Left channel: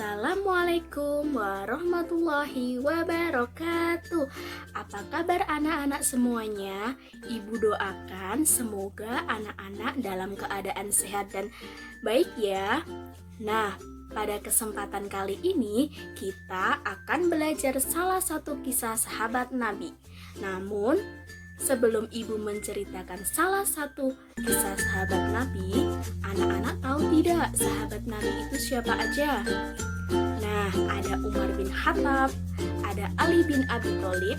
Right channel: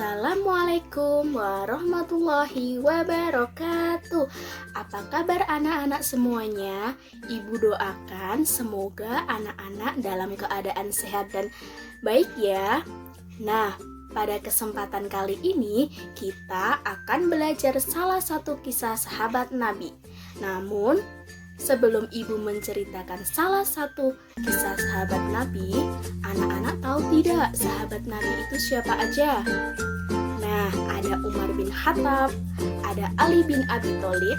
Assalamualaikum warahmatullahi wabarakatuh. Apa kabar anak-anak semuanya? Ibu doakan semoga anak-anak dalam keadaan sehat dan baik ya. Nah, pada kesempatan kali ini kita akan belajar salah satu kisah sahabat Nabi. Namun, sebelum ibu menceritakan salah satu kisah sahabat Nabi, anak-anak tahu tidak sahabat Nabi itu siapa aja? Nah, ada Umar bin Khattab, ada Ali bin Abi Thalib,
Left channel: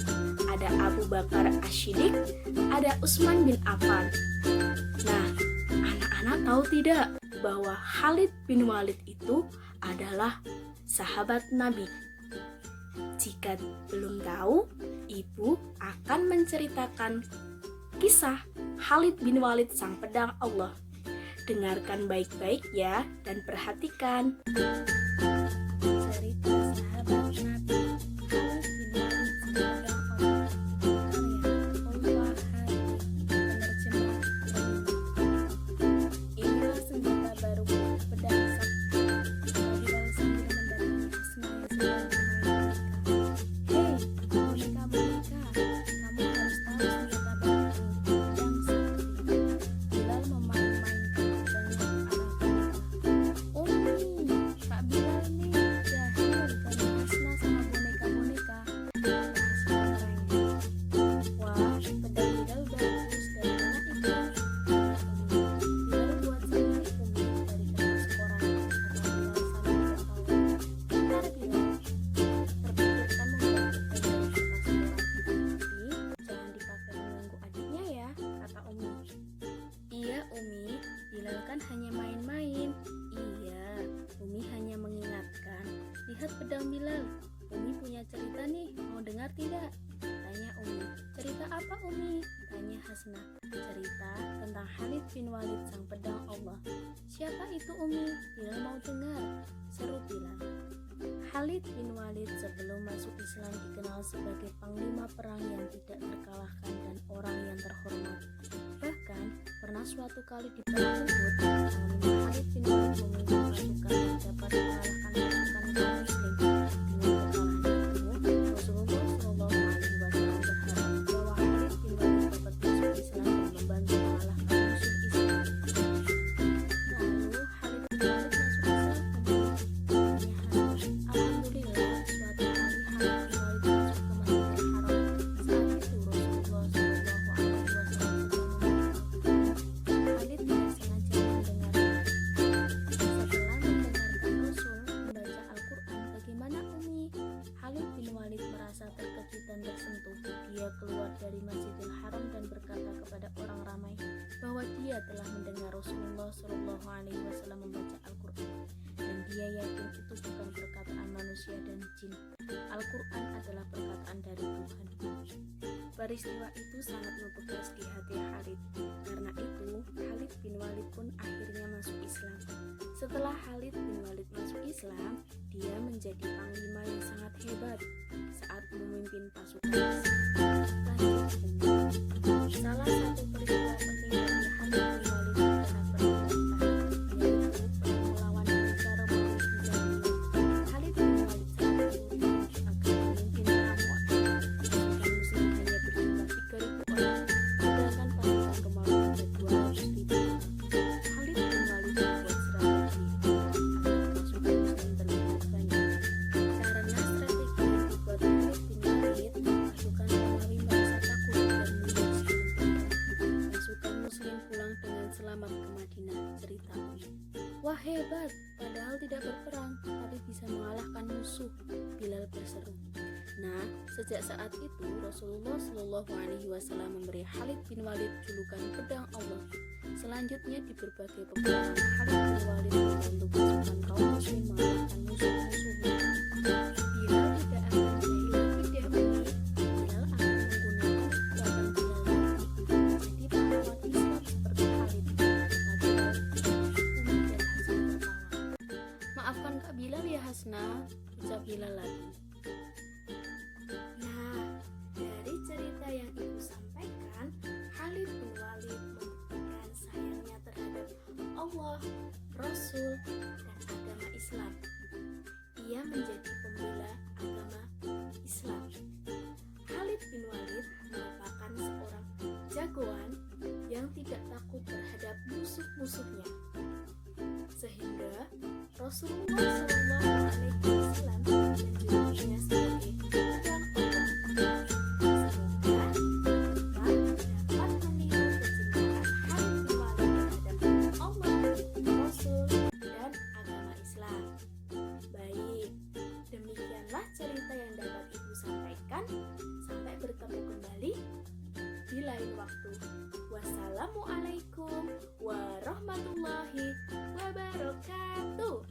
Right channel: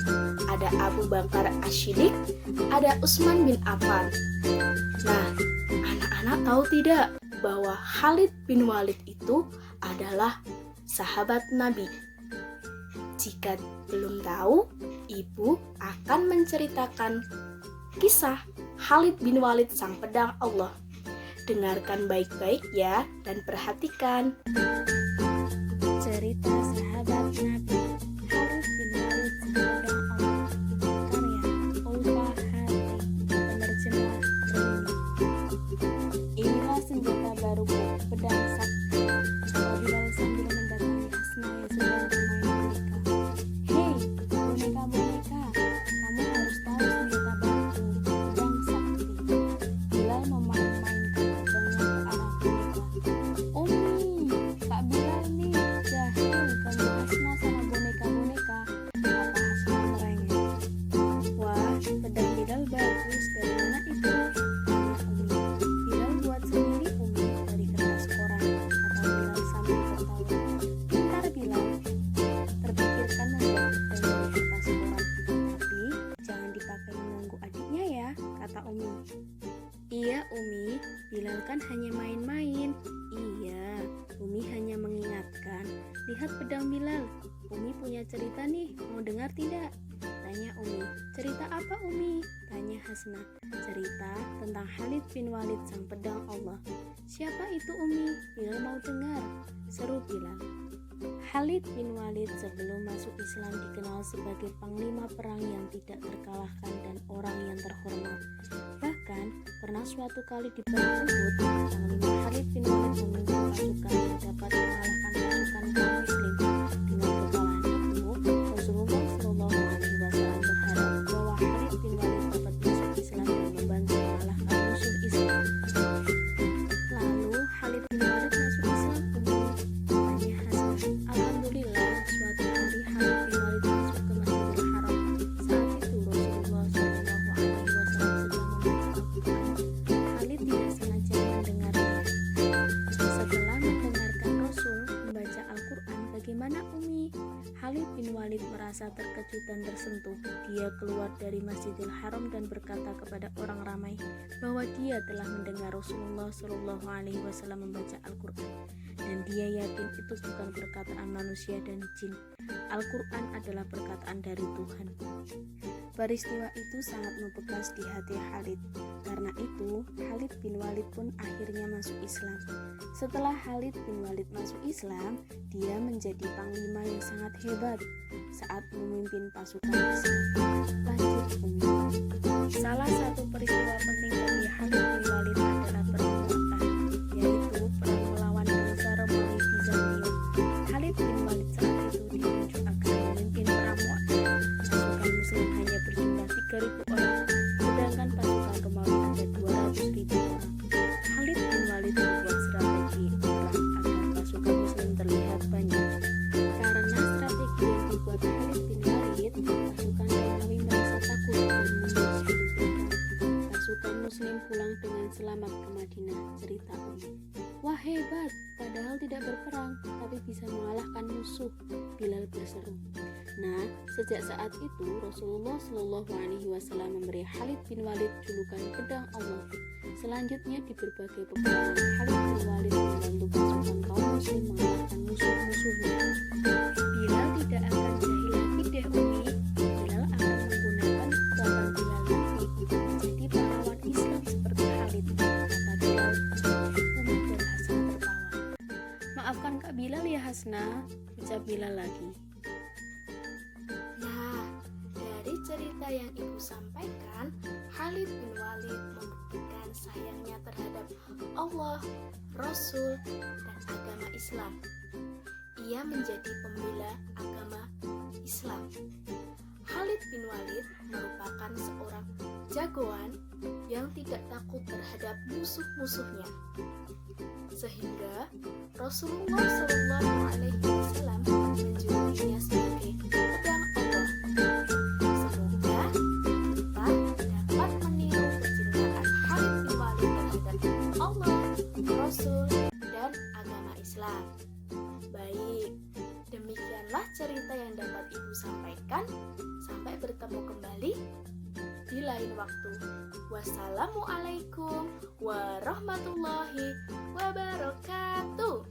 ada Abu Bakar Asy-Siddiq, ada Utsman bin Affan. Nah, anak-anak tahu tidak bahwa Khalid bin Walid itu adalah sahabat Nabi? Jika belum tahu, ibu akan menceritakan kisah Khalid bin Walid sang pedang Allah. Dengarkan baik-baik ya dan perhatikan. Cerita sahabat Nabi Khalid bin Walid sang pedang Allah. Karya Ulfa Hati. Penerjemah Reni. Inilah senjata baruku, pedang sakti. Kata Bilal sambil mendatangi Hasna yang sedang bermain boneka. Hei, boneka-boneka, kamu harus tahu senjata baruku, pedang sakti. Bilal memain-mainkan pedangnya ke arah boneka. Umi, Kak Bilal nih, jahil kamu Hasna sama boneka-boneka, kata Hasna merengek. Wah, pedang Bilal bagus, dari mana itu? Tanya Umi. Bilal buat sendiri Umi, dari kertas koran, kata Bilal sambil tertawa. Pintar Bilal, terpikirkan membuat pedang dari kertas koran, tapi jangan dipakai mengganggu adiknya ya, kata Umi. Iya Umi, Bilal kan hanya main-main. Iya, Umi hanya mengingatkan. Lihat pedang Bilal, Umi punya cerita nih, mau dengar tidak? Tanya Umi. Cerita apa Umi? Tanya Hasna. Cerita tentang Khalid bin Walid sang pedang Allah. Siapa itu Umi? Bilal mau dengar, seru Bilal. Khalid bin Walid sebelum masuk Islam dikenal sebagai panglima perang yang tidak terkalahkan dan orang yang terhormat. Bahkan, pernah suatu kali di perang Uhud, panglima Khalid bin Walid memimpin pasukan yang dapat mengalahkan pasukan kaum muslim. Dengan kekalahan itu, Rasulullah Shallallahu Alaihi Wasallam berharap bahwa Khalid bin Walid dapat masuk Islam dan membantu mengalahkan musuh Islam. Lalu Khalid bin Walid masuk Islam, tanya Hasan. Alhamdulillah, suatu hari Khalid bin Walid masuk ke Masjidil Haram. Saat itu Rasulullah Shallallahu Alaihi Wasallam sedang membaca Al-Quran. Khalid tidak sengaja mendengarnya. Setelah mendengarkan Rasul membaca Al-Quran, bagaimana Umi? Khalid bin Walid merasa terkejut dan tersentuh. Dia keluar dari Masjidil Haram dan berkata kepada orang ramai bahwa dia telah mendengar Rasulullah Shallallahu Alaihi Wasallam membaca Al-Quran, dan dia yakin itu bukan perkataan manusia dan jin. Al-Quran adalah perkataan dari Tuhan. Peristiwa itu sangat membekas di hati Khalid. Karena itu, Khalid bin Walid pun akhirnya masuk Islam. Setelah Khalid bin Walid masuk Islam, dia menjadi panglima yang sangat hebat saat memimpin pasukan Islam. Lanjut Umi. Salah satu peristiwa penting bagi Khalid bin Walid adalah perang Mu'tah, yaitu perang melawan bangsa Romawi Bizantium. Khalid bin Walid saat itu ditunjuk agar memimpin perang Mu'tah. Pasukan Muslim hanya berjumlah 3.000 orang, sedangkan pasukan Romawi ada 200.000 orang. Khalid bin Walid membuat strategi perang agar pasukan Muslim terlihat banyak. Karena strategi yang dibuat Khalid bin Walid, pasukan Romawi merasa takut dan mundur sebelum berperang. Pasukan Muslim pulang dengan selamat ke Madinah, cerita Umi. Wah hebat, padahal tidak berperang, tapi bisa mengalahkan musuh, Bilal berseru. Nah, sejak saat itu Rasulullah Shallallahu Alaihi Wasallam memberi Khalid bin Walid julukan pedang Allah. Selanjutnya di berbagai peperangan Khalid bin Walid membantu pasukan kaum muslim mengalahkan musuh-musuhnya. Bilal tidak akan jahil lagi deh Umi. Bilal akan menggunakan kekuatan Bilal nanti untuk menjadi pahlawan Islam seperti Khalid, kata Bilal. Umi dan Hasna tertawa. Maafkan Kak Bilal ya Hasna, ucap Bilal lagi. Nah, dari cerita yang ibu sampaikan, Khalid bin Walid membuktikan sayangnya terhadap Allah, Rasul, dan agama Islam. ia menjadi pembela agama Islam. Khalid bin Walid merupakan seorang jagoan yang tidak takut terhadap musuh-musuhnya, sehingga Rasulullah SAW menjulukinya sebagai pedang Allah. Semoga kita dapat meniru kecintaan Khalid bin Walid terhadap Allah, Rasul, dan agama Islam. Baik, demikianlah cerita yang dapat Ibu sampaikan. Sampai bertemu kembali di lain waktu. Wassalamualaikum warahmatullahi wabarakatuh.